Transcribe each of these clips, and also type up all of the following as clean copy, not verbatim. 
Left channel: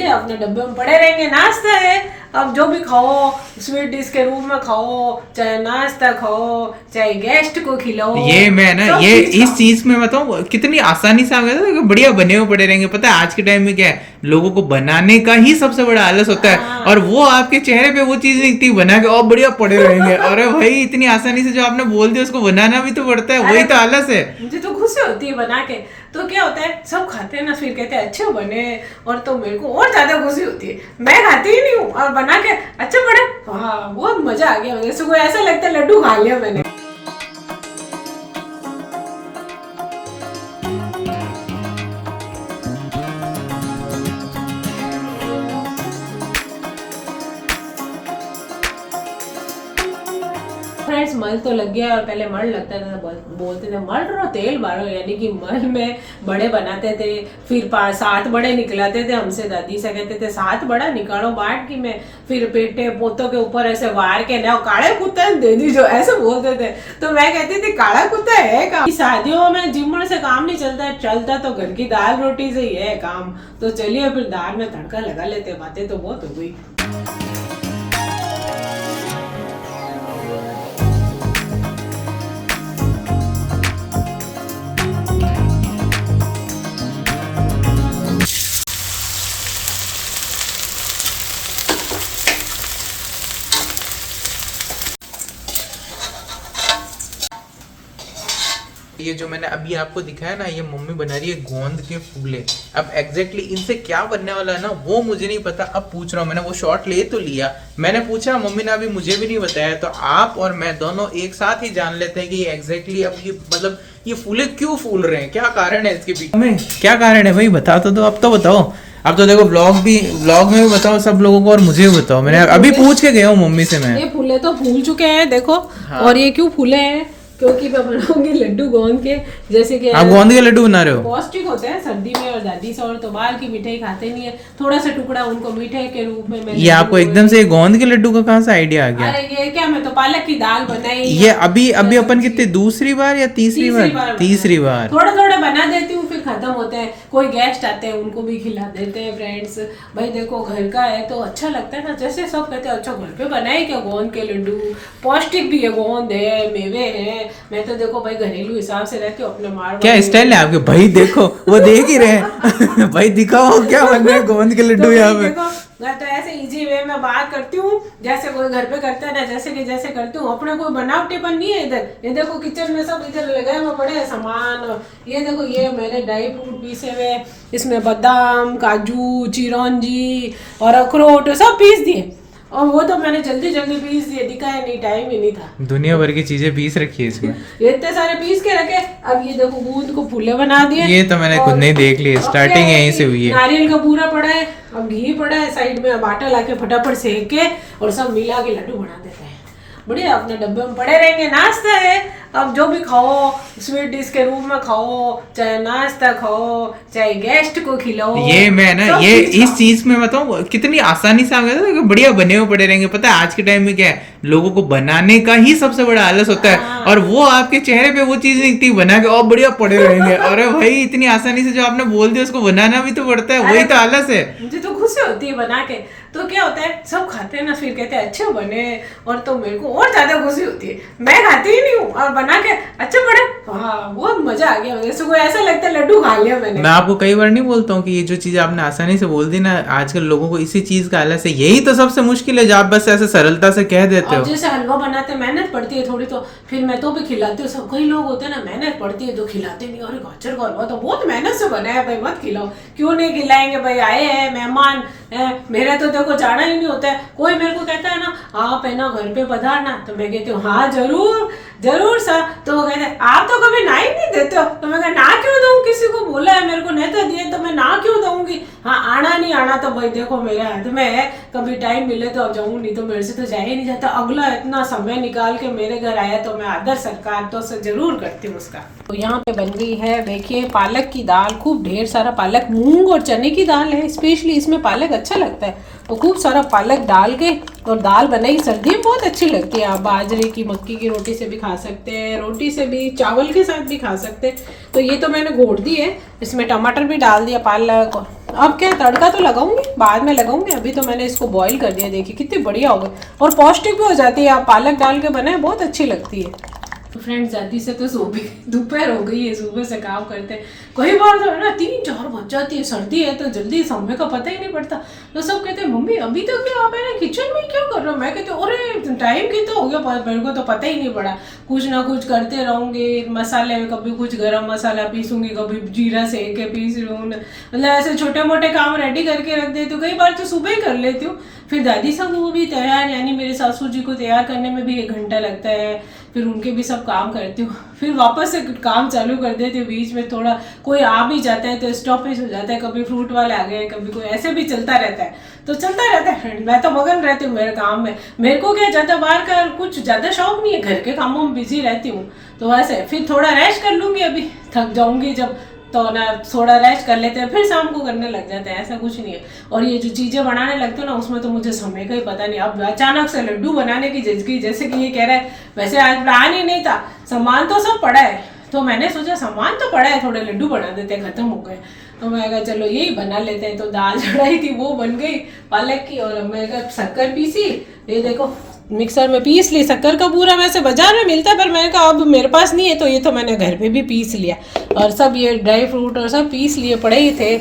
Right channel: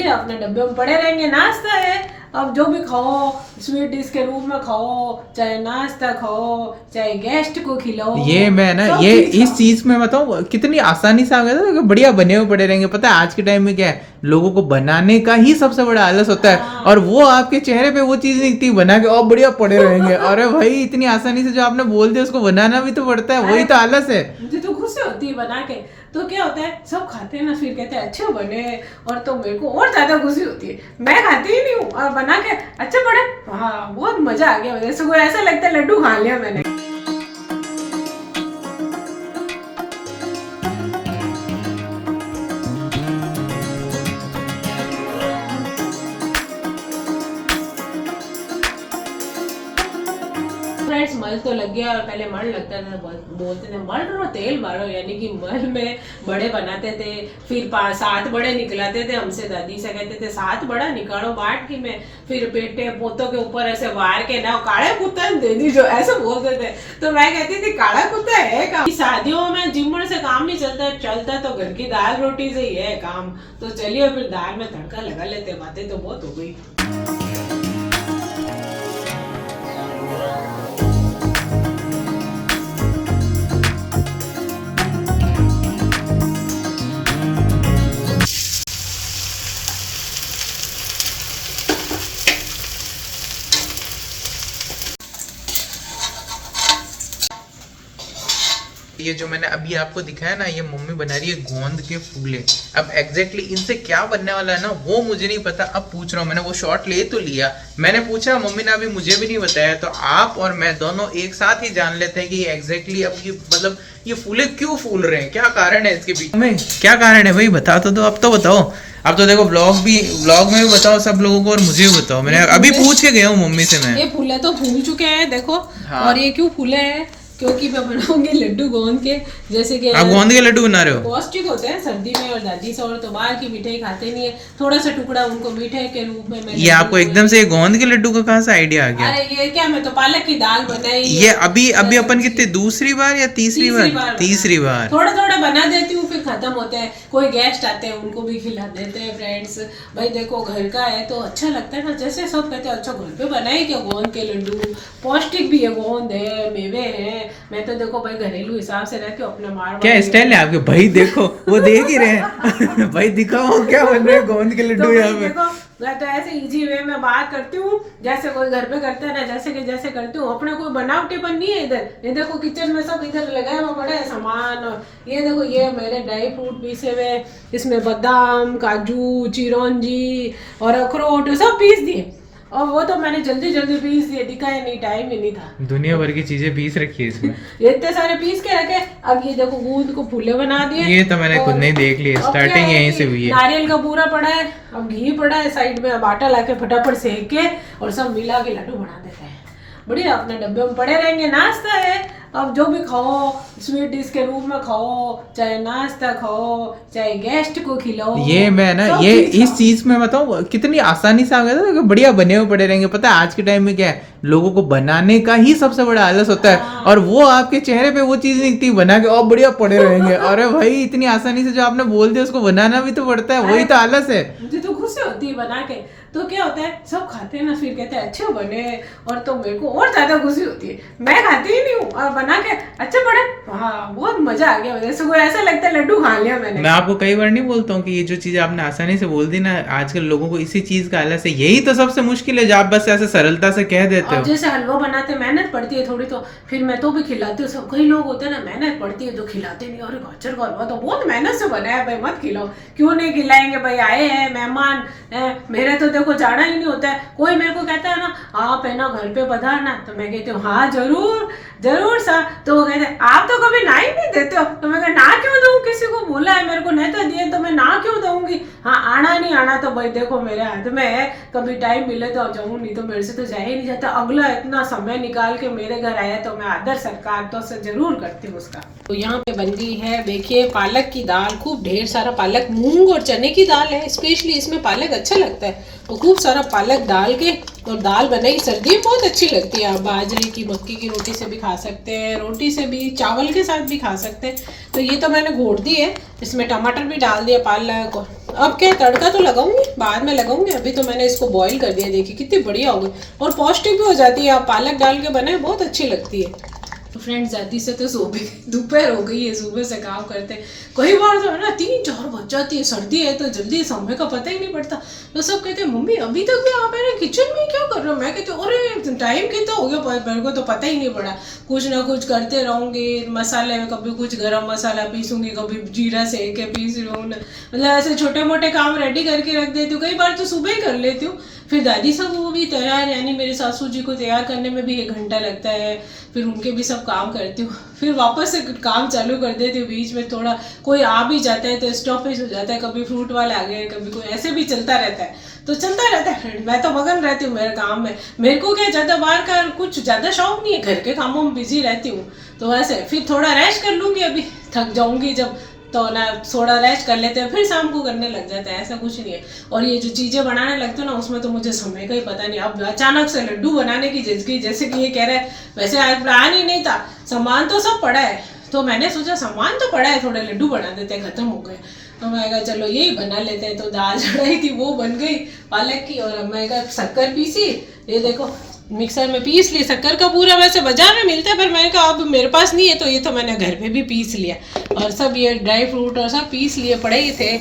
बढ़िया अपने डब्बे में पड़े रहेंगे। नाश्ता है, अब जो भी खाओ स्वीट डिश के रूप में खाओ, चाहे नाश्ता खाओ, चाहे गेस्ट को खिलाओ। ये मैं ना सब ये चीज इस खाओ। चीज में बताऊं कितनी आसानी से आ गया था कि बढ़िया बने हुए पड़े रहेंगे। पता है आज के टाइम में क्या है, लोगों को बनाने का ही सबसे बड़ा आलस होता है, हाँ। और वो आपके चेहरे पे वो चीज नहीं दिखती बना के और बढ़िया पड़े रहेंगे। अरे भाई इतनी आसानी से जो आपने बोल दिया उसको बनाना भी तो पड़ता है, वही अरे तो आलस है। मुझे तो खुशी होती है बना के। तो क्या होता है, सब खाते हैं ना, फिर कहते हैं अच्छे बने, और तो मेरे को और ज्यादा खुशी होती है। मैं खाती ही नहीं हूँ और बना के अच्छे बने, हाँ बहुत मजा आ गया। जैसे कोई ऐसा लगता है लड्डू खा लिया मैंने। फ्रेंड्स मल तो लग गया, और पहले मल लगता था, बोलते थे मल रो तेल बारो, यानी कि मल में बड़े बनाते थे, फिर 7 बड़े निकलाते थे। हमसे दादी से कहते थे 7 बड़ा निकालो बाट की में, फिर बेटे पोतों के ऊपर ऐसे वार के ना काले कुत्ता दे दी जो ऐसे बोलते थे। तो मैं कहती थी काला कुत्ता है काम। शादियों में जिम्मड़ से काम नहीं चलता तो घर की दाल रोटी से ही है काम। तो चलिए फिर दाल में तड़का लगा लेते, बातें तो बहुत हो गई। ये जो मैंने अभी आपको दिखाया ना, ये मम्मी बना रही है गोंद के फूले। अब एग्जैक्टली इनसे क्या बनने वाला है ना वो मुझे नहीं पता। अब पूछ रहा हूँ, मैंने वो शॉट ले तो लिया, मैंने पूछा, मम्मी ने अभी मुझे भी नहीं बताया। तो आप और मैं दोनों एक साथ ही जान लेते हैं कि एग्जैक्टली अब ये मतलब ये फूले क्यों फूल रहे हैं, क्या कारण है इसके पीछे। हमें क्या कारण है भाई बता तो दो, अब तो बताओ। अब तो देखो व्लॉग में भी बताओ सब लोगों को, और मुझे भी बताओ। मैंने अभी पूछ के गया हूँ मम्मी से मैं। ये फूले तो फूल चुके हैं देखो। हाँ। और ये क्यों फूले हैं, क्योंकि मैं बनाऊंगी लड्डू गोंद के। जैसे कि आप गोंद के लड्डू बना रहे हो? पौष्टिक होते हैं सर्दी में, और दादी से और तो बाहर की मिठाई खाते नहीं है, थोड़ा सा टुकड़ा उनको मीठे के रूप में मैं ये आपको एकदम से गोंद के लड्डू का कहाँ से आइडिया आ गया? अरे ये क्या, मैं तो पालक की दाल बनाई। ये अभी अपन कितने दूसरी बार या तीसरी बार? तीसरी बार। थोड़ा थोड़ा बना देती हूँ, फिर खत्म होते हैं, कोई गेस्ट आते हैं उनको भी खिला देते हैं। फ्रेंड्स भाई देखो घर का है तो अच्छा लगता है ना, जैसे सब कहते हैं अच्छा घर पे बनाए क्या गोंद के लड्डू, पौष्टिक भी है, गोंद है, मेवे है। मैं तो देखो भाई घरेलू हिसाब से रहती हूँ, अपने मार क्या स्टाइल है आपके भाई, देखो वो देख ही रहे हैं। भाई दिखाओ क्या बन रहे हैं गोंद के लड्डू यहाँ पे। देखो मैं तो ऐसे इजी वे में बात करती हूँ, जैसे कोई घर पे करता है ना, जैसे करती हूँ। अपने कोई बनावटीपन नहीं है इधर। ये देखो किचन में सब इधर लगाए हुए पड़े हैं सामान। ये देखो ये मैंने ड्राई फ्रूट पीसे हुए, इसमें बादाम, काजू, चिरौंजी और अखरोट सब पीस दिए, और वो तो मैंने जल्दी पीस दिए, दिखाया नहीं, टाइम ही नहीं था। दुनिया भर की चीजें पीस रखी है इसमें। ये इतने सारे पीस के रखे। अब ये देखो गूंद को फूले बना दिए। ये तो मैंने खुद नहीं देख लिया, स्टार्टिंग यहीं से हुई है। नारियल का पूरा पड़ा है, अब घी पड़ा है साइड में, अब आटा लाके फटाफट सेक के और सब मिला के लड्डू बना देते हैं। बढ़िया अपने डब्बे में पड़े रहेंगे। नाश्ता है, अब जो भी खाओ स्वीट डिश के रूप में खाओ, चाहे नाश्ता खाओ, चाहे गेस्ट को खिलाओ। ये मैं ना ये इस चीज में बताऊं कितनी आसानी से आ गया था कि बढ़िया बने हुए पड़े रहेंगे। पता है आज के टाइम में क्या है, लोगों को बनाने का ही सबसे बड़ा आलस होता है, और वो आपके चेहरे पे वो चीज नहीं दिखती बना के और बढ़िया पड़े रहेंगे। अरे भाई इतनी आसानी से जो आपने बोल दिया उसको बनाना भी तो पड़ता है, वही तो आलस है। मुझे तो खुशी होती है बना के। तो क्या होता है, सब खाते हैं ना, फिर कहते हैं अच्छे बने, और तो मेरे को और ज्यादा खुशी होती है। मैं खाती ही नहीं हूँ और बना के अच्छे बने, हाँ बहुत मजा आ गया। जैसे कोई ऐसा लगता है लड्डू खा लिया मैंने। मैं आपको कई बार नहीं बोलता हूँ कि ये जो चीज आपने आसानी से बोल दी ना, आजकल लोगों को इसी चीज का आलस है। यही तो सबसे मुश्किल है जो आप बस ऐसे सरलता से कह देते हो। जैसे हलवा बनाते मेहनत पड़ती है थोड़ी, तो फिर मैं तो भी खिलाती हूँ। सब कई लोग होते हैं ना मेहनत पड़ती है तो खिलाते नहीं, और गाजर का हलवा तो बहुत मेहनत से बना है भाई, मत खिलाओ। क्यों नहीं खिलाएंगे भाई, आए हैं मेहमान। मेरा तो देखो जाना ही नहीं होता है। कोई मेरे को कहता है ना आप है ना घर पे पधारना, तो मैं कहती हूँ हाँ जरूर सर। तो वो कहते हैं आप तो कभी ना ही नहीं देते हो। तो मैं ना क्यों दूँ, किसी को बोला है मेरे को नहीं तो दिए, तो मैं ना क्यों दूंगी। हाँ आना नहीं आना तो भाई देखो मेरे हाथ में है, कभी टाइम मिले तो जाऊँ, नहीं तो मेरे से तो जाया ही नहीं जाता। अगला इतना समय निकाल के मेरे घर आया तो मैं आदर सत्कार तो से जरूर करती हूँ उसका। तो यहाँ पे बन गई है देखिए पालक की दाल, खूब ढेर सारा पालक, मूंग और चने की दाल है, स्पेशली इसमें पालक अच्छा लगता है। तो खूब सारा पालक डाल के और दाल बनाई, सर्दी में बहुत अच्छी लगती है। आप बाजरे की, मक्की की रोटी से भी खा सकते हैं, रोटी से भी, चावल के साथ भी खा सकते हैं। तो ये तो मैंने घोट दी है, इसमें टमाटर भी डाल दिया, पालक अब क्या तड़का तो लगाऊंगी, बाद में लगाऊंगी, अभी तो मैंने इसको बॉईल कर दिया। देखिए कितनी बढ़िया हो गई और पौष्टिक भी हो जाती है। आप पालक डाल के बनाए, बहुत अच्छी लगती है। तो फ्रेंड्स जल्दी से तो सो भी दोपहर हो गई है, सुबह से काम करते हैं। कई बार तो है ना 3-4 बज जाती है, सर्दी है तो जल्दी समय का पता ही नहीं पड़ता। तो सब कहते हैं मम्मी अभी तक भी आप है ना किचन में क्या कर रहे हो। मैं कहती हूँ अरे टाइम कितना हो गया, मेरे को तो पता ही नहीं पड़ा। कुछ ना कुछ करते रहूँगी, मसाले में कभी कुछ गरम मसाला पीसूंगी, कभी जीरा सेक के पीस रही हूँ, मतलब ऐसे छोटे मोटे काम रेडी करके रख देती हूँ। कई बार तो सुबह ही कर लेती हूँ। फिर दादी साहब वो भी तैयार, यानी मेरे सासू जी को तैयार करने में भी 1 घंटा लगता है। फिर उनके भी सब काम करती हूँ, फिर वापस से काम चालू कर देती हूँ। बीच में थोड़ा कोई आ भी जाता है तो स्टॉपेज हो जाता है, कभी फ्रूट वाले आ गए, कभी कोई ऐसे भी चलता रहता है। तो चलता रहता है फ्रेंड, मैं तो मगन रहती हूँ मेरे काम में। मेरे को क्या ज़्यादा बाहर का कुछ ज़्यादा शौक नहीं है, घर के कामों में बिजी रहती हूँ। तो वैसे फिर थोड़ा रेस्ट कर लूँगी, अभी थक जाऊँगी जब तो ना थोड़ा रेस्ट कर लेते हैं, फिर शाम को करने लग जाते हैं। ऐसा कुछ नहीं है। और ये जो चीज़ें बनाने लगते हो ना, उसमें तो मुझे समय का ही पता नहीं। अब अचानक से लड्डू बनाने की जिद की, जैसे कि ये कह रहा है, वैसे आज प्लान ही नहीं था, सामान तो सब पड़ा है। तो मैंने सोचा सामान तो पड़ा है, थोड़े लड्डू बना देते हैं, खत्म हो गए। तो मैं कहा चलो यही बना लेते हैं। तो दाल चढ़ाई थी वो बन गई पालक की, और मैं कहा शक्कर पीसी, ये देखो मिक्सर में पीस ली। शक्कर का पूरा वैसे बाजार में मिलता है, पर मैंने कहा अब मेरे पास नहीं है, तो ये तो मैंने घर पे भी पीस लिया। और सब ये ड्राई फ्रूट और सब पीस लिए पड़े ही थे।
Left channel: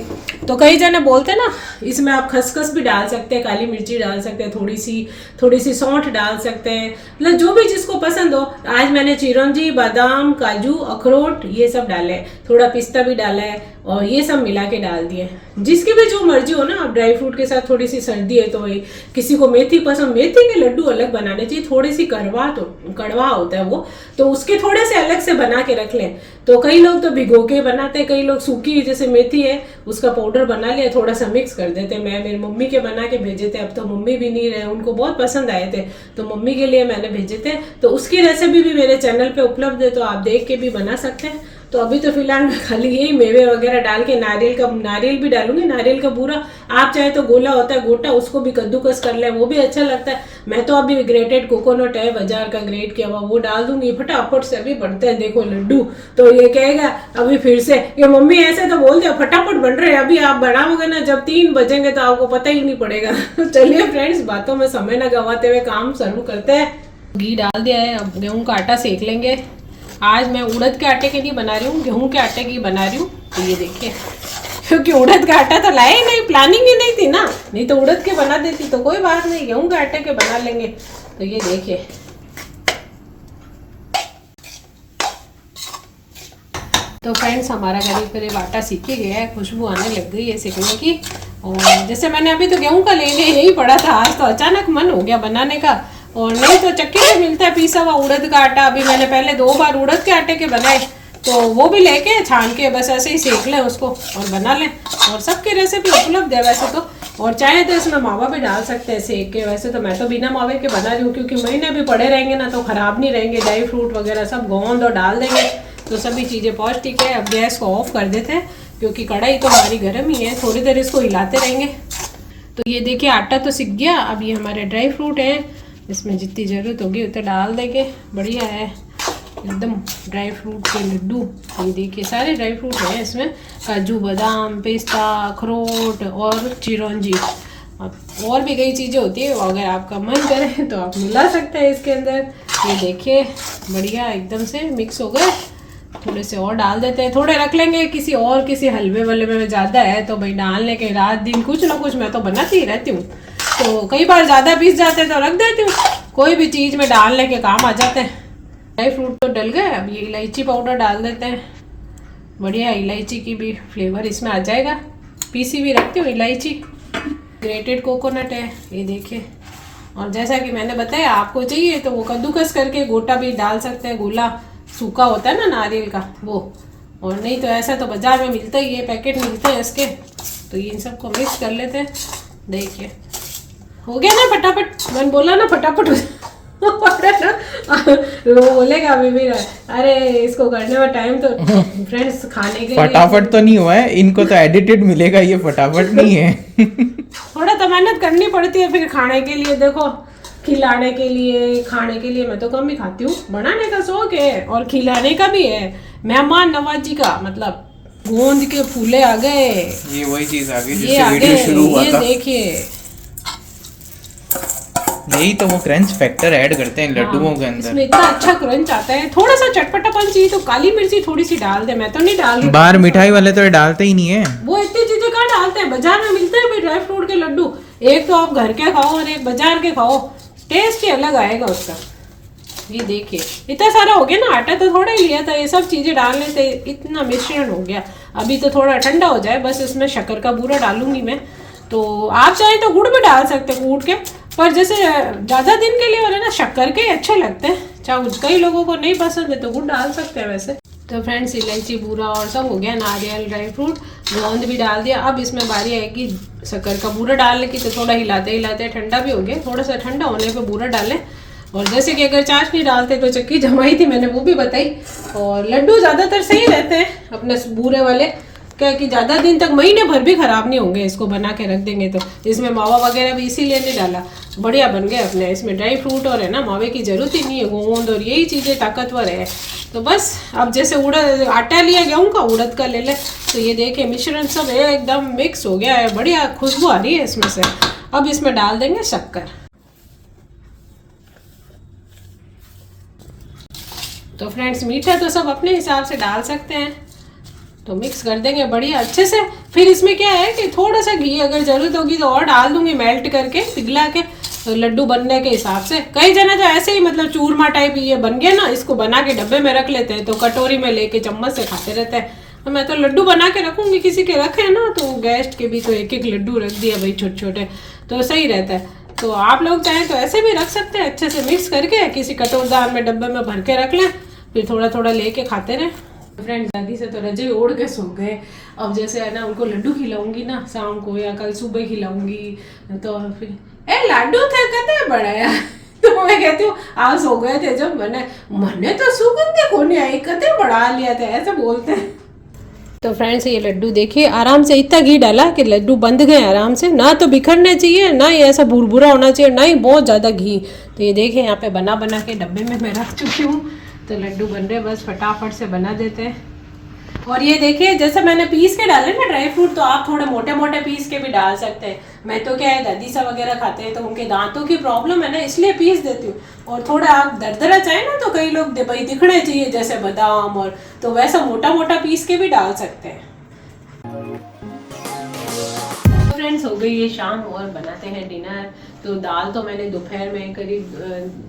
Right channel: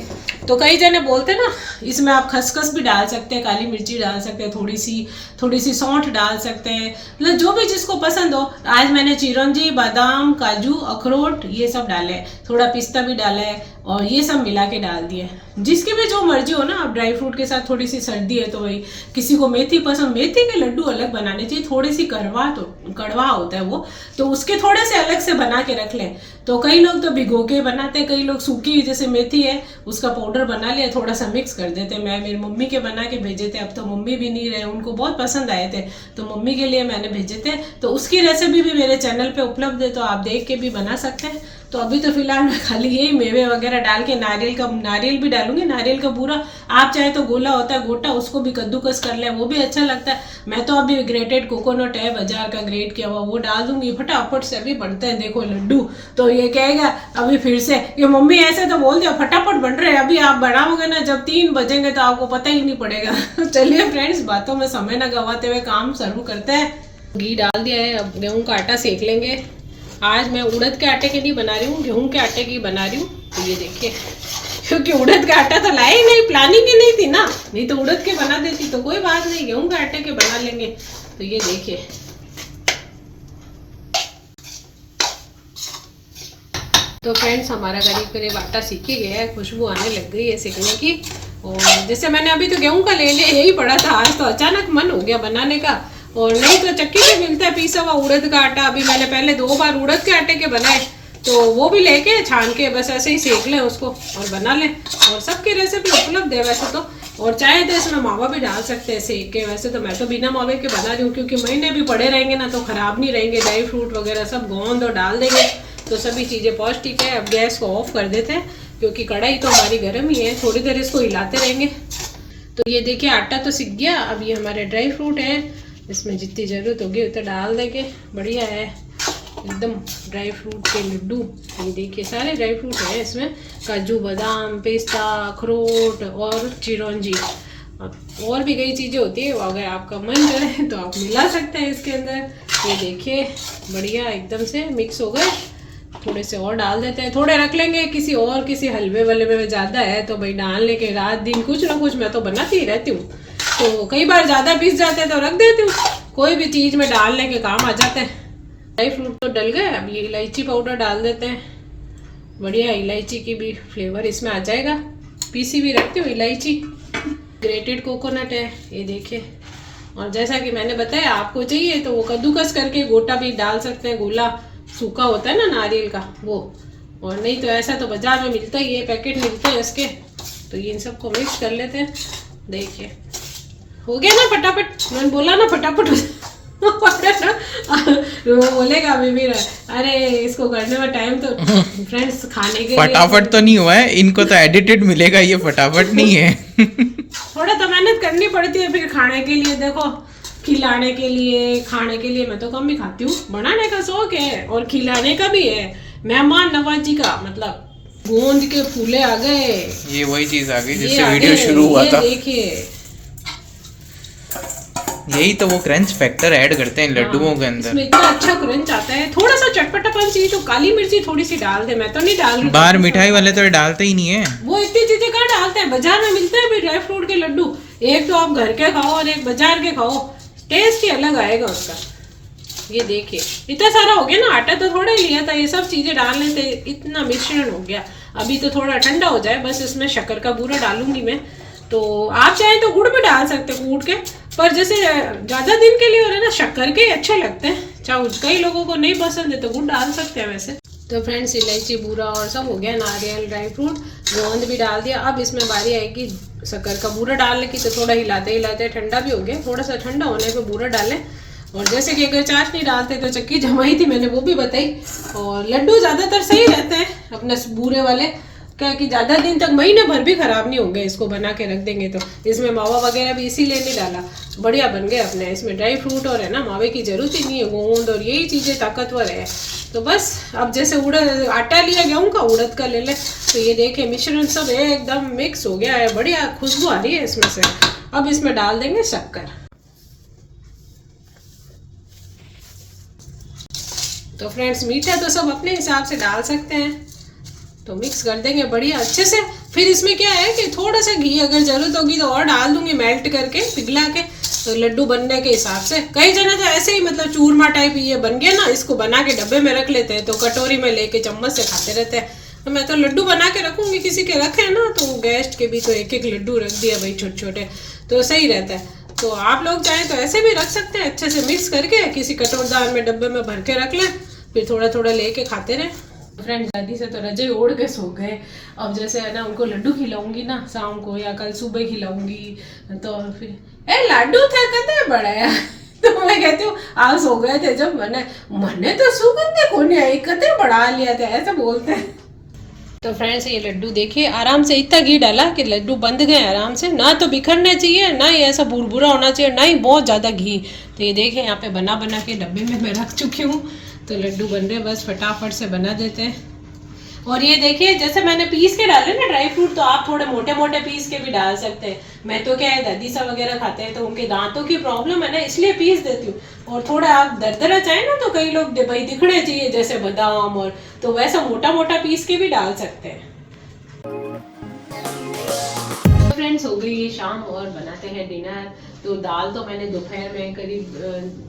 तो कई जने बोलते ना इसमें आप खसखस भी डाल सकते हैं, काली मिर्ची डाल सकते हैं, थोड़ी सी सौंठ डाल सकते हैं, मतलब जो भी जिसको पसंद हो। आज मैंने चिरौंजी, बादाम, काजू, अखरोट ये सब डाले, थोड़ा पिस्ता भी डाला है, और ये सब मिला के डाल दिए। जिसकी भी जो मर्जी हो ना, आप ड्राई फ्रूट के साथ, थोड़ी सी सर्दी है तो वही, किसी को मेथी पसंद, मेथी के लड्डू अलग बनाने चाहिए, थोड़ी सी कड़वा होता है वो, तो उसके थोड़े से अलग से बना के रख लें। तो कई लोग तो भिगो के बनाते हैं, कई लोग सूखी जैसे मेथी है उसका पाउडर बना लिया, थोड़ा सा मिक्स कर देते हैं। मैं मेरी मम्मी के बना के भेजे थे, अब तो मम्मी भी नहीं रहे, उनको बहुत पसंद आए थे तो मम्मी के लिए मैंने भेजे थे। तो उसकी रेसिपी भी मेरे चैनल पे उपलब्ध है, तो आप देख के भी बना सकते हैं। तो अभी तो फिलहाल मैं खाली यही मेवे वगैरह डाल के, नारियल भी डालूंगी, नारियल का पूरा, आप चाहे तो गोला होता है गोटा, उसको भी कद्दूकस कर ले, वो भी अच्छा लगता है। मैं तो अभी ग्रेटेड कोकोनट है बाजार का ग्रेट किया हुआ, वो डाल दूंगी, फटाफट से अभी बनते हैं देखो लड्डू। तो ये कहेगा अभी फिर से ये मम्मी ऐसे तो बोल दिया फटाफट बन रहे हैं, अभी आप बनाओगे ना जब 3 बजेंगे तो आपको पता ही नहीं पड़ेगा। चलिए फ्रेंड्स, बातों में समय न गवाते हुए काम शुरू करते हैं। घी डाल दिया है, अब गेहूं का आटा सेक लेंगे। आज मैं उड़द के आटे की नहीं बना रही हूँ, गेहूं के आटे की बना रही हूँ। तो ये देखिए, क्योंकि उड़द का आटा तो लाए ही नहीं, प्लानिंग ही नहीं थी ना, नहीं तो उड़द के बना देती। तो कोई बात नहीं, गेहूं के आटे के बना लेंगे। तो ये देखिए, तो फ्रेंड्स हमारा करीब आटा सीख ही गया है, खुशबू आने लग गई है सीखने की। और जैसे मैंने अभी तो गेहूं का ले लिया, यही पड़ा था, आज तो अचानक मन हो गया बनाने का। और नहीं तो चक्की में मिलता है पीसा हुआ उड़द का आटा। अभी मैंने पहले 2 बार उड़द के आटे के बनाए, तो वो भी लेके छान के बस ऐसे ही सेक लें उसको और बना लें। और सबकी रेसिपी उपलब्ध है वैसे तो, और चाहे तो इसमें मावा भी डाल सकते हैं सेक के। वैसे तो मैं तो बिना मावे के बना रही हूँ, क्योंकि महीने भी पड़े रहेंगे ना तो खराब नहीं रहेंगे। ड्राई फ्रूट वगैरह सब गोंद और डाल देंगे तो सभी चीज़ें पौष्टिक है। अब गैस को ऑफ कर देते हैं, क्योंकि कढ़ाई तो हमारी गर्म ही है, थोड़ी देर इसको हिलाते रहेंगे। तो ये देखिए आटा तो सीख गया। अब ये हमारे ड्राई फ्रूट है, इसमें जितनी ज़रूरत होगी उतना डाल देंगे। बढ़िया है एकदम ड्राई फ्रूट के लड्डू। ये देखिए सारे ड्राई फ्रूट है इसमें, काजू, बादाम, पिस्ता, अखरोट और चिरौंजी। और भी कई चीज़ें होती है, अगर आपका मन करे तो आप मिला सकते हैं इसके अंदर। ये देखिए बढ़िया एकदम से मिक्स हो गए। थोड़े से और डाल देते हैं, थोड़े रख लेंगे, किसी हलवे वलवे में ज़्यादा है तो भाई डालने के रात दिन कुछ ना कुछ मैं तो बनाती ही रहती हूँ। तो कई बार ज़्यादा पीस जाते हैं तो रख देती हूँ, कोई भी चीज़ में डालने के काम आ जाते हैं। ड्राई फ्रूट तो डल गए, अब ये इलायची पाउडर डाल देते हैं। बढ़िया इलायची की भी फ्लेवर इसमें आ जाएगा। पीसी भी रखती हूँ इलायची। ग्रेटेड कोकोनट है ये देखिए। और जैसा कि मैंने बताया, आपको चाहिए तो वो कद्दूकस करके गोटा भी डाल सकते हैं, गोला सूखा होता है ना नारियल का वो। और नहीं तो ऐसा तो बाजार में मिलता ही है, पैकेट मिलते हैं इसके। तो ये इन सबको मिक्स कर लेते हैं। देखिए हो गया ना फटाफट, मैंने बोला ना फटाफट वो बोलेगा अभी भी अरे इसको करने में टाइम तो फ्रेंड्स खाने के फटाफट तो नहीं हुआ है, इनको तो एडिटेड मिलेगा, ये फटाफट नहीं है। थोड़ा तो मेहनत करनी पड़ती है फिर खाने के लिए। देखो खिलाने के लिए, खाने के लिए मैं तो कम ही खाती हूँ, बनाने का शौक है और खिलाने का भी है, मेहमान नवाजी का मतलब गोंद के फूले आ गए। ये वही चीज आ गई ये जिससे आ वीडियो गए, शुरू हुआ ये था। देखिए यही तो वो क्रंच फैक्टर ऐड करते हैं लड्डुओं के अंदर। इसमें इतना अच्छा क्रंच आता है। थोड़ा सा चटपटापन चाहिए तो काली मिर्ची थोड़ी सी डाल दे, मैं तो नहीं डाल रही। बाहर मिठाई वाले तो डालते ही नहीं है। वो इतनी चीजें कहाँ डालते हैं, बाजार में मिलते हैं ड्राई फ्रूट के लड्डू। एक तो आप घर के खाओ और एक बाजार के खाओ, टेस्ट ही अलग आएगा उसका। ये देखिए इतना सारा हो गया ना, आटा तो थोड़ा ही लिया था, ये सब चीजें डालने से इतना मिश्रण हो गया। अभी तो थोड़ा ठंडा हो जाए, बस इसमें शक्कर का बूरा डालूंगी मैं। तो आप चाहे तो गुड़ भी डाल सकते हैं कूट के, पर जैसे ज्यादा दिन के लिए हो रहा है ना, शक्कर के अच्छे लगते हैं। चाहे कई लोगों को नहीं पसंद है तो गुड़ डाल सकते हैं वैसे। तो फ्रेंड्स इलायची बूरा और सब हो गया, नारियल ड्राई फ्रूट गोंद भी डाल दिया। अब इसमें बारी आएगी शक्कर का बूरा डालने की, तो थोड़ा हिलाते हिलाते ठंडा भी हो गया, थोड़ा सा ठंडा होने पे बूरा डालें। और जैसे कि अगर चाशनी डालते तो चक्की जमाई थी मैंने, वो भी बताई। और लड्डू ज़्यादातर सही रहते हैं अपने बूरे वाले, क्या कि ज़्यादा दिन तक महीने भर भी ख़राब नहीं होंगे, इसको बना के रख देंगे तो। इसमें मावा वगैरह भी इसीलिए नहीं डाला, बढ़िया बन गए अपने। इसमें ड्राई फ्रूट और है ना, मावे की ज़रूरत ही नहीं है, गोंद और यही चीज़ें ताकतवर है। तो बस अब जैसे उड़द आटा लिया गेहूं का, उड़द का ले ले। तो ये देखिए मिश्रण सब एकदम मिक्स हो गया है, बढ़िया खुशबू आ रही है इसमें से। अब इसमें डाल देंगे शक्कर। तो फ्रेंड्स मीठा तो सब अपने हिसाब से डाल सकते हैं। तो मिक्स कर देंगे बढ़िया अच्छे से। फिर इसमें क्या है कि थोड़ा सा घी अगर जरूरत होगी तो और डाल दूंगी, मेल्ट करके पिघला के, तो लड्डू बनने के हिसाब से। कई जने तो ऐसे ही मतलब चूरमा टाइप ये बन गया ना, इसको बना के डब्बे में रख लेते हैं, तो कटोरी में लेके चम्मच से खाते रहते हैं। तो मैं तो लड्डू बना के रखूंगी, किसी के रखे ना तो गेस्ट के भी तो एक एक लड्डू रख दिया भाई, छोटे छोटे, तो सही रहता है। तो आप लोग चाहें तो ऐसे भी रख सकते हैं, अच्छे से मिक्स करके किसी कटोरदार में डब्बे में भर के रख लें, फिर थोड़ा थोड़ा लेके खाते रहे। फ्रेंड्स दादी से तो रजाई ओढ़ के सो गए। अब जैसे है ना उनको लड्डू खिलाऊंगी ना शाम को, या कल सुबह खिलाऊंगी, तो फिर ए लड्डू थे कते बड़ाया तो मैं कहती हूँ आज सो गए थे जब मैंने तो सुगंध को नहीं आई, कते बढ़ा लिया था, ऐसे बोलते हैं। तो फ्रेंड्स ये लड्डू देखिए आराम से इतना घी डाला कि लड्डू बंध गए आराम से, ना तो बिखरने चाहिए, ना ये ऐसा बुरबुरा होना चाहिए, ना ही बहुत ज़्यादा घी। तो ये देखिए यहाँ पे बना बना के डब्बे में मैं रख चुकी हूँ। तो लड्डू बन रहे, बस फटाफट से बना देते हैं। और ये देखिए जैसे मैंने पीस के डाले ना ड्राई फ्रूट, तो आप थोड़े मोटे मोटे पीस के भी डाल सकते हैं। मैं तो क्या है दादी सा वगैरह खाते हैं तो उनके दांतों की प्रॉब्लम है ना, इसलिए पीस देती हूँ। और थोड़ा आप दरदरा चाहे ना तो कई लोग भाई दिखने चाहिए जैसे बादाम, और तो वैसा मोटा मोटा पीस के भी डाल सकते हैं। फ्रेंड्स हो गई ये शाम और बनाते हैं डिनर। तो दाल तो मैंने दोपहर में करीब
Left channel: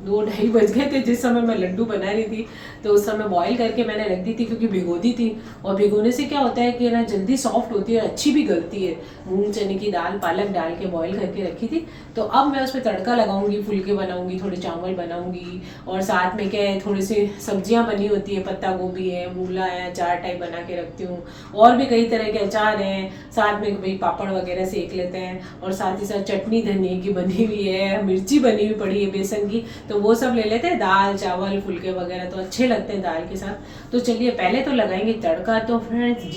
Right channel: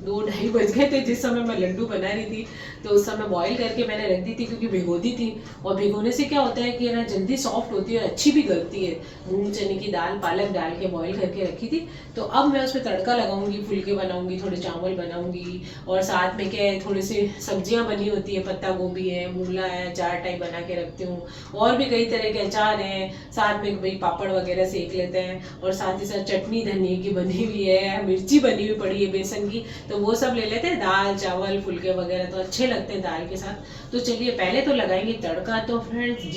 2-2:30 बज गए थे जिस समय मैं लड्डू बना रही थी, तो उस समय बॉईल करके मैंने रख दी थी क्योंकि भिगो दी थी। और भिगोने से क्या होता है कि ना जल्दी सॉफ्ट होती है और अच्छी भी गलती है। मूंग चने की दाल पालक डाल के बॉईल करके रखी थी। तो अब मैं उसमें तड़का लगाऊंगी, फुलके बनाऊंगी, थोड़े चावल बनाऊंगी, और साथ में क्या है थोड़ी सी सब्जियां बनी होती है, पत्ता गोभी है, मूला है, अचार टाइप बना के रखती हूँ। और भी कई तरह के अचार हैं, साथ में भाई पापड़ वगैरह सेक लेते हैं, और साथ ही साथ चटनी धनिए की बनी हुई है, मिर्ची बनी हुई पड़ी है बेसन की, तो वो सब ले लेते हैं। दाल चावल फुलके वगैरह तो अच्छे लगते हैं दाल के साथ। तो चलिए पहले तो लगाएंगे तड़का। तो फ्रेंड्स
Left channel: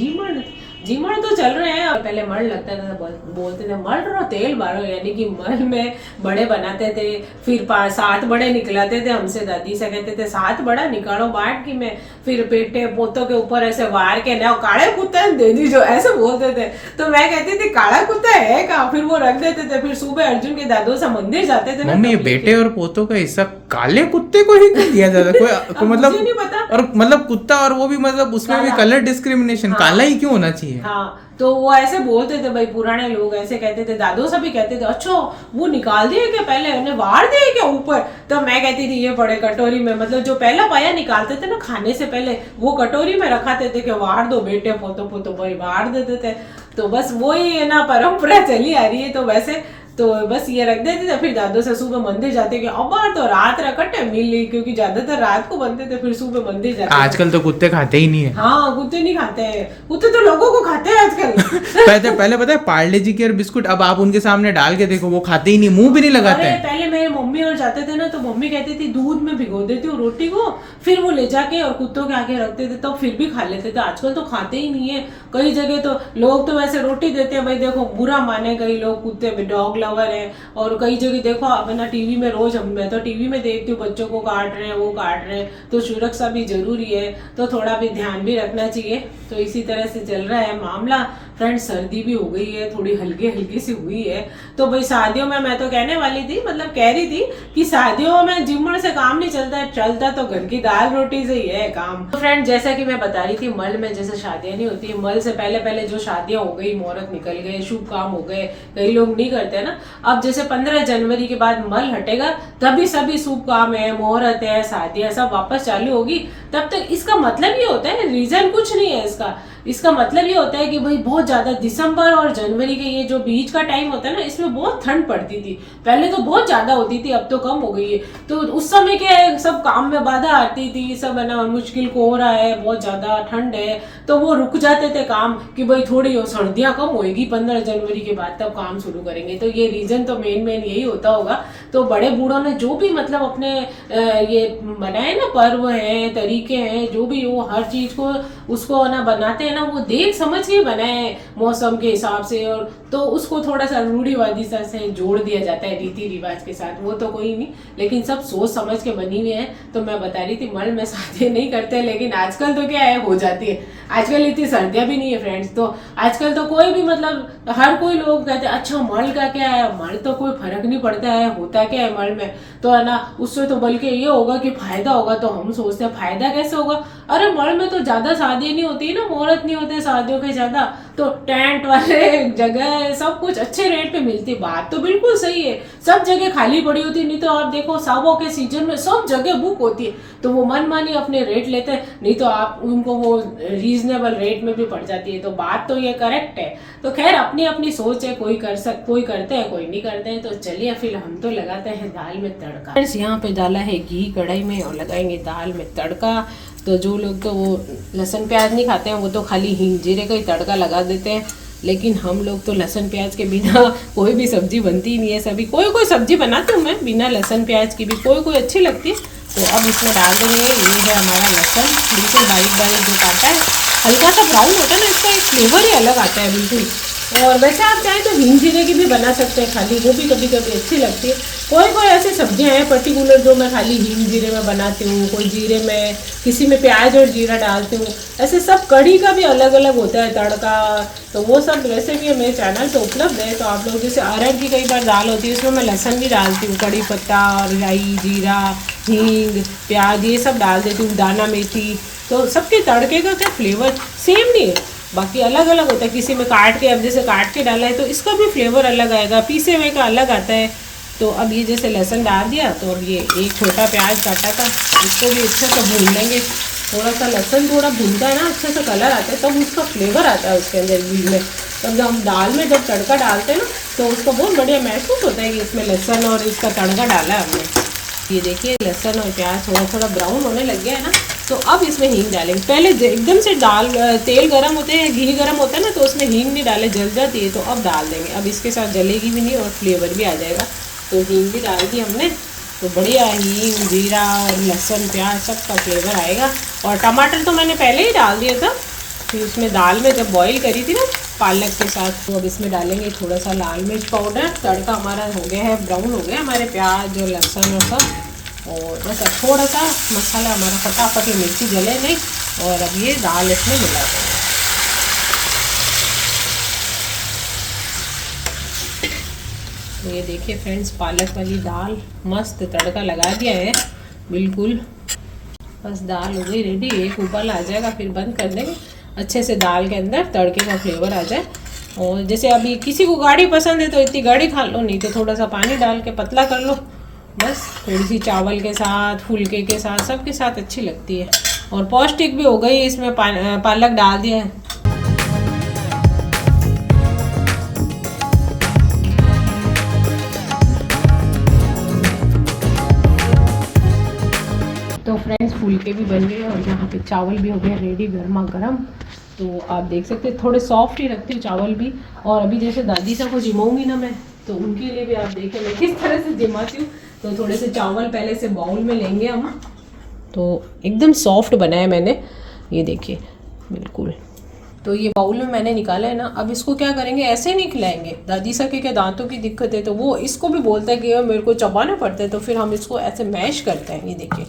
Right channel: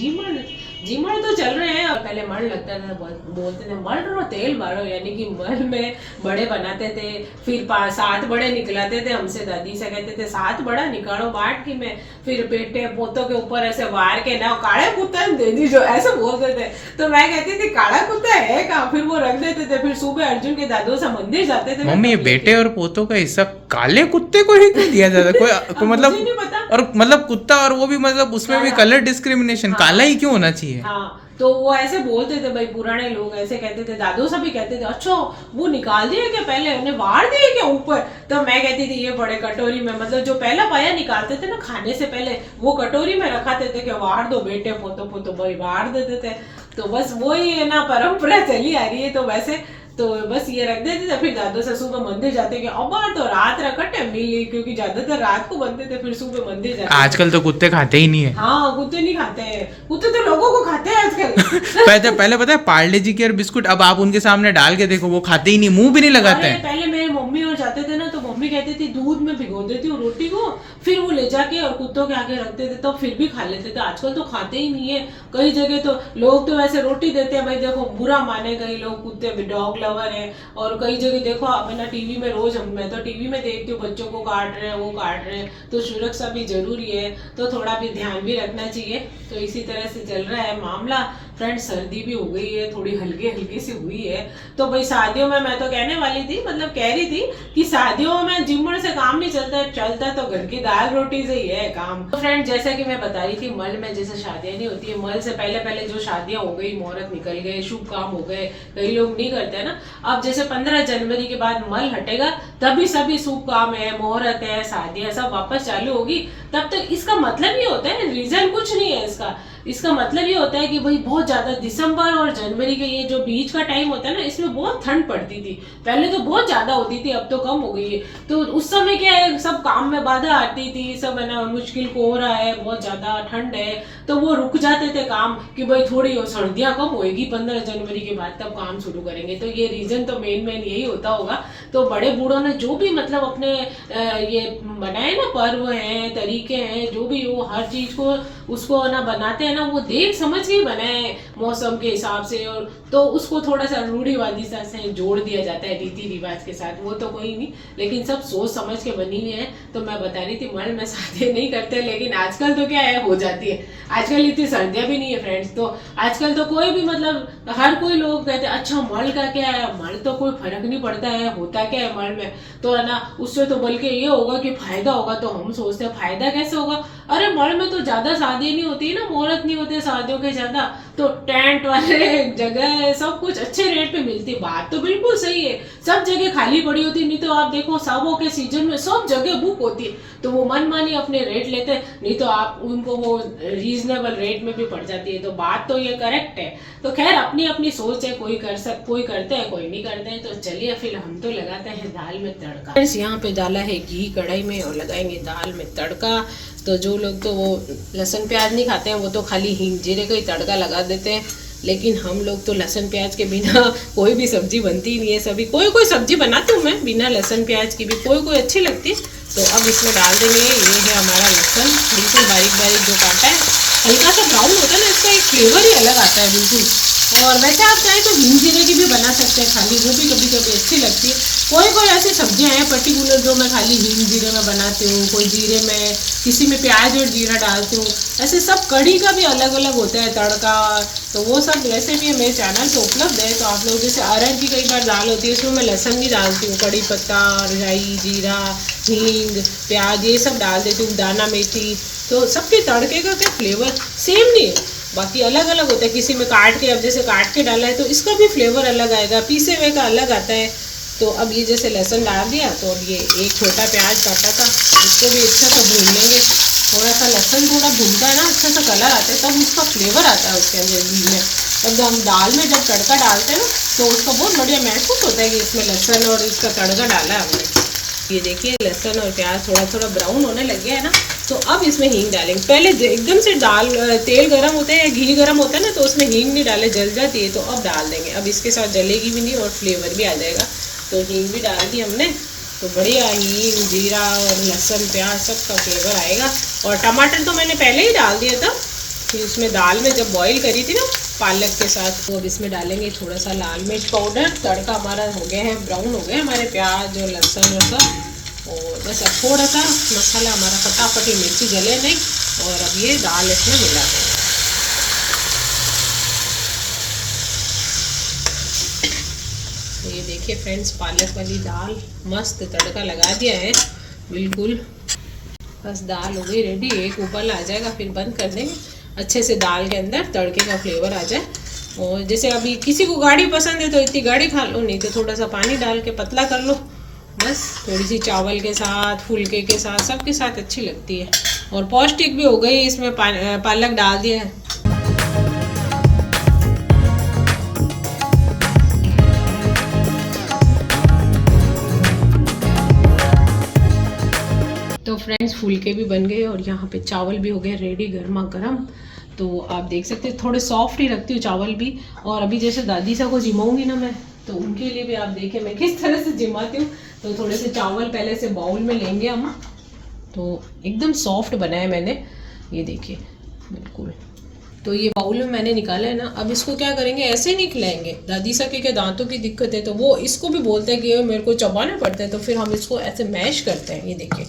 जीमड़ तो चल रहे हैं, और पहले मड़ लगता था, बोलते थे मड़ रहो तेल मारो, यानी कि मल में बड़े बनाते थे, फिर 7 बड़े निकलाते थे हमसे, दादी से कहते थे 7 बड़ा निकालो बाट की, मैं फिर बेटे पोतों के ऊपर ऐसे वार के ना काले कुत्ता दे दी जो ऐसे बोलते थे। तो मैं कहती थी काला कुत्ता है कहाँ, फिर वो रख देते थे। फिर सुबह अर्जुन के दादू से मंदिर जाते थे। मम्मी ये बेटे और पोतों का हिस्सा काले कुत्ते को ही क्यों दिया जाता है? कोई मतलब नहीं पता। और मतलब कुत्ता, और वो भी मतलब उसमें भी कलर डिस्क्रिमिनेशन, काला ही क्यों होना चाहिए? हाँ तो वो ऐसे बोलते थे भाई, पुराने लोग ऐसे कहते थे, दादू सभी कहते थे। अच्छा वो निकाल दिया क्या पहले, उन्हें वार दिया क्या ऊपर? तो मैं कहती थी ये बड़े कटोरी में, मतलब जो पहला पाया निकालते थे ना खाने से पहले, वो कटोरी में रखाते थे कि वार दो बेटे पोतो पोतो भाई, वार देते थे। तो बस वही है ना परंपरा चली आ रही है। तो वैसे तो बस ये रख देते थे, फिर दादू से सुबह मंदिर जाते कि अब तो रात रखटे मिली, क्योंकि ज्यादातर रात को बनते थे, फिर सुबह मंदिर जाते। आजकल तो कुत्ते खाते ही नहीं है। हाँ कुत्ते नहीं खाते हैं, कुत्ते तो लोगों को खाते हैं आजकल। पहले पता है पार्ले जी के और बिस्कुट, अब आप उनके सामने डाल के देखो वो खाते ही नहीं, मुंह भी नहीं लगाते हैं। पहले मेरी मम्मी और घर जाते थे ना तो मम्मी कहती थी दूध में भिगो देती हूँ रोटी को, फिर वो ले जाके और कुत्तों के आगे रखते थे, तब फिर भी खा लेते थे। आजकल तो खाते ही नहीं है। कई जगह तो लोग तो वैसे रोटी देते हैं, भाई देखो बुरा माने कई लोग, कुत्ते में डॉग लवर है। और कई जगह देखो आप है ना टीवी में रोज, मैं तो टीवी में देखती हूँ बच्चों को काट रहे हैं, वो काट रहे हैं, तो सुरक्षा भी जरूरी है, तो थोड़ा भी ध्यान भी रखना चाहिए। तो इसी तरह से चल रहा है मामला। फ्रेंड्स सर्दी भी हो गई है, थोड़ी हल्की हल्की सी हुई है। तो भाई शादियों में मैं तो कहने वाली थी, मतलब कह रही थी कि शादियों में जिम्मड़ से काम नहीं चलता तो घर की दाल रोटी से ही है काम। तो फ्रेंड जैसा कि मैं बता रही थी, मल में जैसे शादियां नहीं होती, मल से पहले पहले जो शादियां हो गई, मुहूर्त निकल गए, शुभ काम हो गए, कई लोग नहीं करते ना। अब जैसे 15 जनवरी के बाद मल हटेगा, तभी सभी शुभ काम है, मुहूर्त है, शादियां सब वापस चालू होगी। तब तक इसका मतलब ये होता है, रीजन कुछ नहीं है इसका मतलब ये होता है कि भाई बहुत ज्यादा दिसंबर और जनवरी के ये जो बीच का टाइम होता है ना, इसमें बहुत ठंड पड़ती थी। पहले तो बहुत ज्यादा होती थी, अब तो कम हो गई है। तो उस समय क्या है, सब काम में बाधा आती थी, सब है ना मुश्किल को हो रहा है, बहुत ज्यादा ठंड है, तो वो रुक जाते थे काम कि भाई थोड़ी सर्दियां कम होएगी 15 जनवरी के बाद, तब काम शुरू करेंगे। तो ये रीजन तो मेन यही होता होगा। तो बड़े बूढ़ों ने जो भी मतलब अपने ये बनाए ना पर्व है, तरीके हैं, जो भी वो हर चीज को उसको ना बनाते हैं ना, वो देख समझ के बनाए मौसम के हिसाब से, और तो उसको थोड़ा सा रूढ़िवादी सा से जोड़ दिया जाता है रीति रिवाज के साथ, वो तो कोई नहीं, लेकिन सब सोच समझ के बनी हुई है। तो मैं बता रही थी मल में शादी नहीं करते, लेकिन आजकल तो क्या है, हो जाती है। आजकल इतनी सर्दियां भी नहीं है फ्रेंड्स, तो आजकल तो कोई भी मतलब हर कोई लोग कहते हैं अच्छा मल का क्या है, मल तो कोई फर्क नहीं पड़ता है, होता क्या है मल में, तो है ना उससे तो बल्कि ये होगा कि फायदा होगा। तो हम सोचते हैं फायदा कैसे होगा, अरे मल में तो ज्यादा शादी नहीं होती है ना, मुहूर्त नहीं होते शादियों के ज्यादा, तो टेंट वाले जगह सब कुछ अच्छे रेट पे मिलती। बात तो बिल्कुल सही है, सब जगह खाली पड़ी होती, नहीं तो आप देखो शादियों के सीजन में सब जगह बुक होती है, तो वो मनमानी अपने रेट लेते हैं, नहीं तो आप उनको वो रीजनेबल रेट में भी पड़ जाती है। तो बात तो ये करेक्ट है। तो खैर अपनी अपनी सोच है, कोई करते हैं, कोई नहीं करते हैं। तो चलिए फिर हम तो लगाते हैं दाल में तड़का। यहाँ पे डाला है घी कढ़ाई में और लगाएंगे दाल में तड़का। तो जो लोग तो वो लहसुन प्याज नहीं खाते हैं, वो तो खाली हींग जीरे का ही तड़का लगा देते हैं, लेकिन हम लोग तो लहसुन प्याज के बिना कोई भी सब्जी बनती नहीं है। सभी कोई सब्जी बनाती हूँ मैं बिना लहसुन प्याज की भी, कोई अच्छी लगती है। तो अब इसमें डाल देंगे, ये है हमारा लहसुन, बिल्कुल बारीक बारीक जो काटा है, हल्का सा ब्राउन होता है ना, इसका एक फ्लेवर ही अलग आता है बिल्कुल। और वैसे आप चाहें तो हींग जीरे की भी बना सकते हैं खाली, वो भी कभी कभी अच्छी लगती है। कोई ऐसी सब्जियां हैं पर्टिकुलर जो मैं खाली हींग जीरे में बनाती हूँ, कोई जीरे में, किसी में प्याज और जीरा डालती हूँ, ऐसे सब कढ़ी का भी अलग अलग होता है तड़का। तो वो सब रेसिपी है मेरे चैनल पे उपलब्ध है। तो आप लोग जैसे अरहर की कई बार दाल होती है, उसमें मैं लहसुन भी डालती हूँ, कड़ी पत्ता, राई, जीरा, हींग, प्याज, ये सब डाल देती हूँ, दाना मेथी। तो सबके तड़के का क्या फ्लेवर सेम नहीं है, बाकी अलग अलग होता है। किसी में काट के, अब जैसे काट के डाला है तो इसका भी फ्लेवर अलग आएगा, पीसे हुए का अलग आता है। तो अब ये जैसे लहसुन डाल दिया, तो अब ये एक छोटा प्याज काटा था, इसको भी अच्छा सा भून लेंगे। थोड़ा सा लहसुन थोड़ा भूनता है ना, अच्छा सा कलर आता है, तब उसका फ्लेवर आता है उसके अंदर घी में। तब हम दाल में जब तड़का डालते हैं ना, तो उसका बहुत बढ़िया महसूस होता है कि इसमें लहसुन और इसका तड़का डाला है हमने। ये देखिए लहसुन और प्याज थोड़ा ब्राउन होने लग गया है ना, तो अब इसमें हींग डालेंगे। पहले एकदम से तेल गर्म होते हैं, घी गर्म होता है ना, तो उसमें हींग नहीं डाले, जल जाती है, तो अब डाल देंगे। अब इसके साथ जलेगी भी नहीं और फ्लेवर भी आ जाएगा। तो हींग भी डाल दी हमने, तो बढ़िया हींग, जीरा और लहसुन प्याज सबका फ्लेवर आएगा। और टमाटर तो मैंने पहले ही डाल दिया था, फिर उसमें दाल में जब बॉईल करी थी ना पालक के साथ। तो अब इसमें डालेंगे थोड़ा सा लाल मिर्च पाउडर। तड़का हमारा हो गया है, ब्राउन हो गया हमारे प्याज और लहसुन और सब। और बस अब थोड़ा सा मसाला हमारा फटाफट, ये मिर्ची जले नहीं। और अब ये दाल इसमें मिला देंगे। तो ये देखिए फ्रेंड्स, पालक वाली दाल मस्त तड़का लगा दिया है बिल्कुल। बस दाल हो गई रेडी, एक उबाल आ जाएगा फिर बंद कर देंगे, अच्छे से दाल के अंदर तड़के का फ्लेवर आ जाए। और जैसे अभी किसी को गाढ़ी पसंद है तो इतनी गाढ़ी खा लो, नहीं तो थोड़ा सा पानी डाल के पतला कर लो। बस थोड़ी सी चावल के साथ, फुलके के साथ, सबके साथ अच्छी लगती है। और पौष्टिक भी हो गई, इसमें पालक डाल दिया है। तो फ्रेंड्स फुलके भी बन गए और यहाँ पे चावल भी हो गए रेडी गर्मा गर्म। तो आप देख सकते हैं थोड़े सॉफ्ट ही रखती हूँ चावल भी। और अभी जैसे दादी सा को जिमाऊंगी ना मैं, तो उनके लिए भी आप देखें मैं किस तरह से जिमाती हूँ। तो थोड़े से चावल पहले से बाउल में लेंगे हम। तो एकदम सॉफ्ट बनाया मैंने, ये देखिए बिल्कुल। तो ये बाउल में मैंने निकाला है ना। अब इसको क्या करेंगे, ऐसे नहीं खिलाएंगे। दादी सा के दांतों की दिक्कत है तो वो इसको भी बोलता है कि मेरे को चबाना पड़ता है, तो फिर हम इसको ऐसे मैश करते हैं। ये देखिए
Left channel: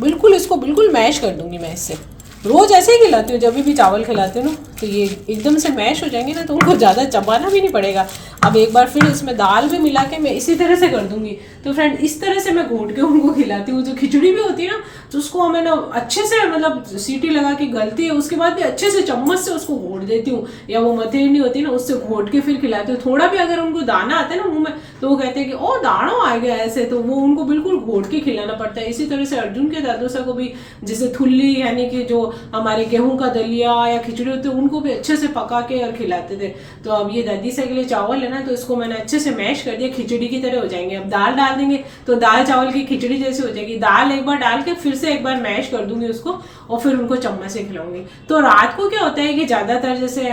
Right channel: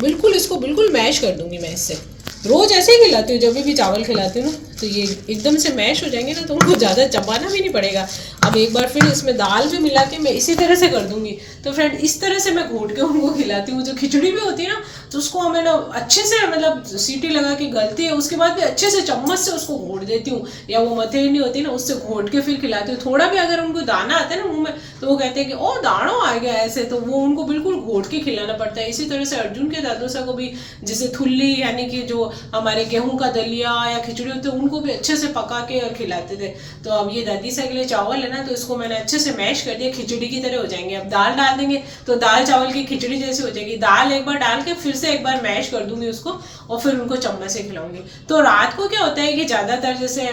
बिल्कुल, इसको बिल्कुल मैश कर दूंगी मैं इससे। रोज़ ऐसे ही खिलाती हूँ, जब भी चावल खिलाती हूँ ना तो ये एकदम से मैश हो जाएंगे ना, तो उनको ज़्यादा चबाना भी नहीं पड़ेगा। अब एक बार फिर इसमें दाल भी मिला के मैं इसी तरह से कर दूंगी। तो फ्रेंड इस तरह से मैं घोट के उनको खिलाती हूँ। जो खिचड़ी भी होती है ना, तो उसको हमें ना अच्छे से मतलब सीटी लगा के गलती है, उसके बाद भी अच्छे से चम्मच से उसको घोट देती हूँ, या वो मथेरनी होती है ना उससे घोट के फिर खिलाती हूँ। थोड़ा भी अगर उनको दाना आता है ना मुँह में तो वो कहते हैं कि ओ दाना आ गया ऐसे, तो वो उनको बिल्कुल घोट के खिलाना पड़ता है। इसी तरह से अर्जुन के दादोसा को भी जैसे थुल्ली यानी कि जो हमारे गेहूं का दलिया या खिचड़ी होती है उनको भी अच्छे से पका के और खिलाते थे। तो अब ये दादी सा के लिए चावल है ना, तो इसको मैंने अच्छे से मैश कर दिया, खिचड़ी की तरह हो जाएंगे। अब दाल डाल देंगे तो दाल चावल की खिचड़ी जैसी हो जाएगी। दाल एक बार डाल के फिर से एक बार मैश कर दूंगी उसको, और फिर उनको चम्मच से खिलाऊंगी। तो रात को क्या होता है कि ज़्यादातर जैसे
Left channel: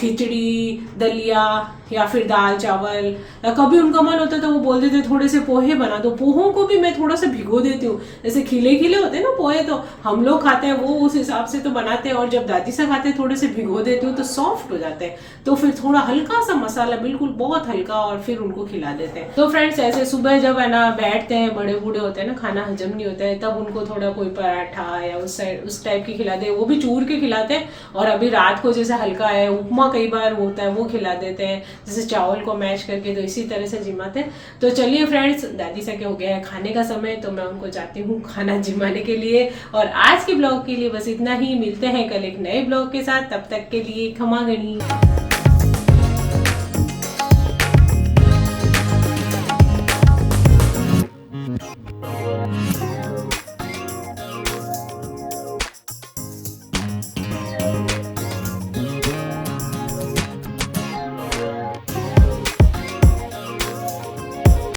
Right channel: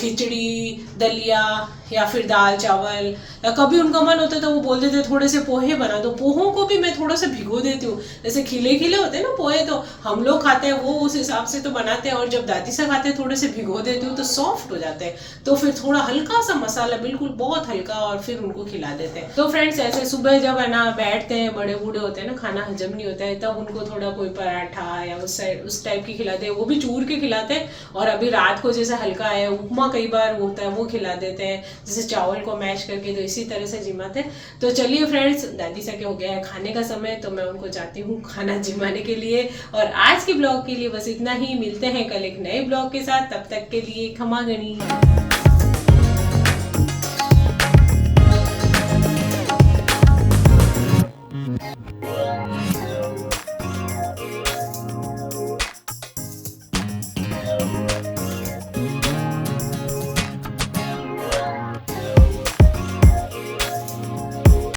खिचड़ी दलिया या फिर दाल चावल, या कभी उनका मन होता है तो वो बोल देते थोड़े से पोहे बना दो। पोहों को भी मैं थोड़ा सा भिगो देती हूँ। जैसे खिले खिले होते हैं ना पोहे, तो हम लोग खाते हैं वो उस हिसाब से तो बनाते हैं, और जब दादी से खाते हैं थोड़े से भिगो देती हूँ तो सॉफ्ट हो जाते हैं। तो फिर थोड़ा हल्का सा मसाला, बिल्कुल बहुत हल्का, और फिर उनको खिला देते हैं। तो फ्रेंड्स ऐसे सुबह जब है ना बैठते हैं, बड़े बूढ़े होते हैं ना, खाना हजम नहीं होता है, तब उनको थोड़ा कोई पराठा या उस टाइप की खिलाते हैं, वो भी चूर के खिलाते हैं। और अभी रात को जैसे हल्का है उपमा कई बार होता है वो खिला देते हैं, जैसे चावल को मैश करके। तो इसी तरह से जिमाते हैं। तो चलिए फ्रेंड्स, दादी सा के हो गया है खाने का समय, तो मैं उनको जाती हूँ खाना जिमाने के लिए। और आज के ब्लॉग के लिए बस इतना ही। मिलते हैं कल एक नए ब्लॉग के साथ, तब तक के लिए खमा गणी।